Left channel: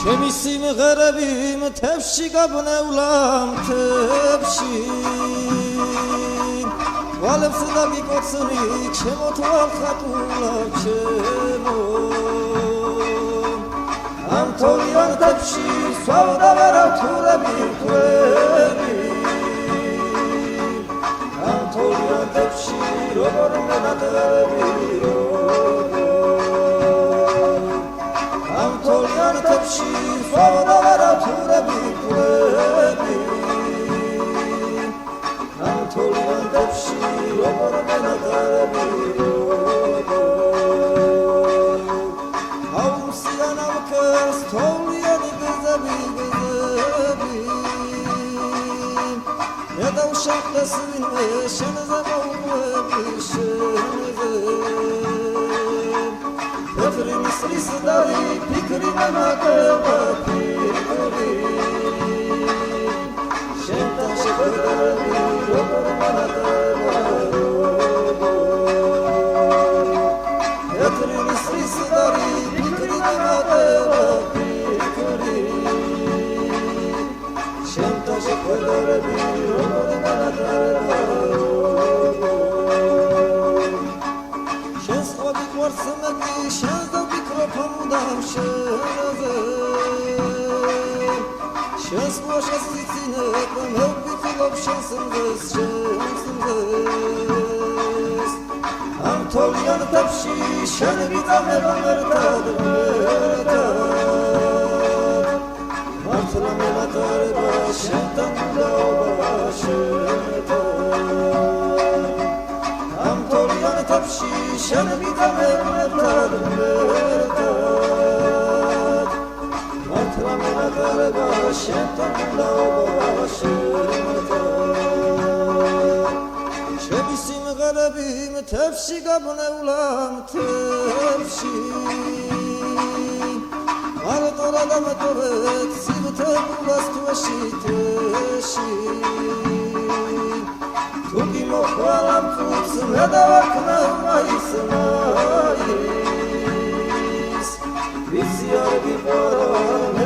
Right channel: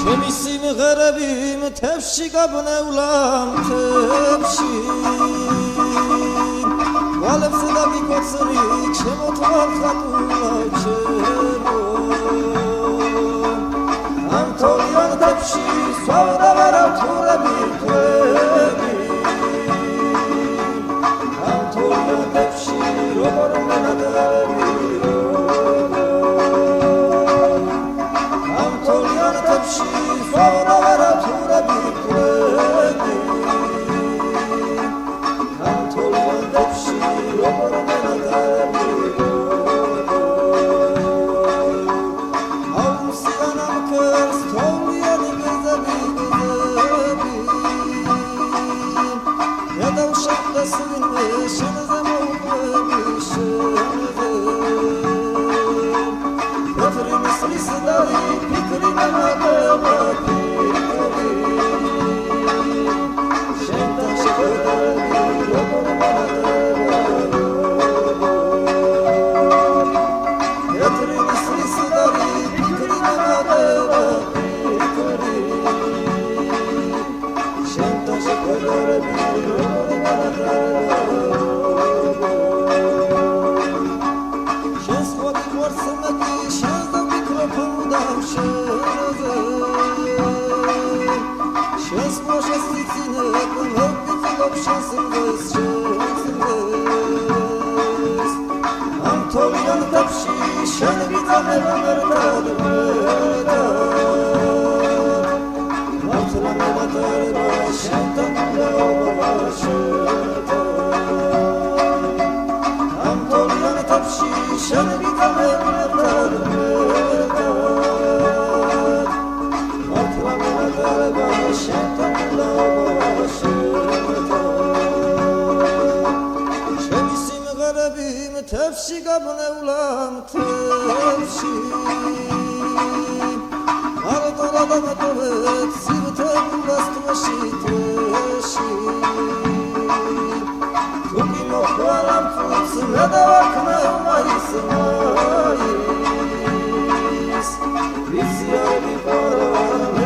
ჩემი სიმღერები მთებში გაბნევლა მთებში თვალებს დაგიკოცნი ჩემო თვალ ხატულა ჩემო ამ თოლიან მთებში სვავდა ვერავთურები თვები ამ თოლიან მთებში როგორ მენადრები ამ თოლიან მთებში სვავდა ვერავთურები თვები ამ თოლიან მთებში როგორ მენადრები აუმსიანამ ქერს თოვლიანი გზები გადავშახდეს ვინმე შენზე მოუყვები შენზე თეთრი ნისლის დარი ფიქრი მემატება ფიქრი შენთან შეხვედრები როგორ მენადრება თეთრი ნისლის დარი ფიქრი მემატება ფიქრი შენთან შეხვედრები როგორ მენადრება შენს სხვა გიყვარს მე კი შენს დავფიქრობ მუდამ შენზე შენს სხვა შესწინებ მე ვფიქრობ შენს მზეს ამ თოლიან მთებში შენ ვიწამება ერთად მართლა მენადრება შენთან უნდაობა შენთან ამ თოლიან მთებში შენ ვიწამება ერთად მართლა მენადრება შენთან უნდაობა შენთან ჩემი სიმღერები მთებში გაბნევლა მთებში მარტო რა დამატოვეთ სივრცებრულას თვეში თუ კი მოხვალამ წუთს მე დავარქმევ მაის ვიცი არ გიყვარა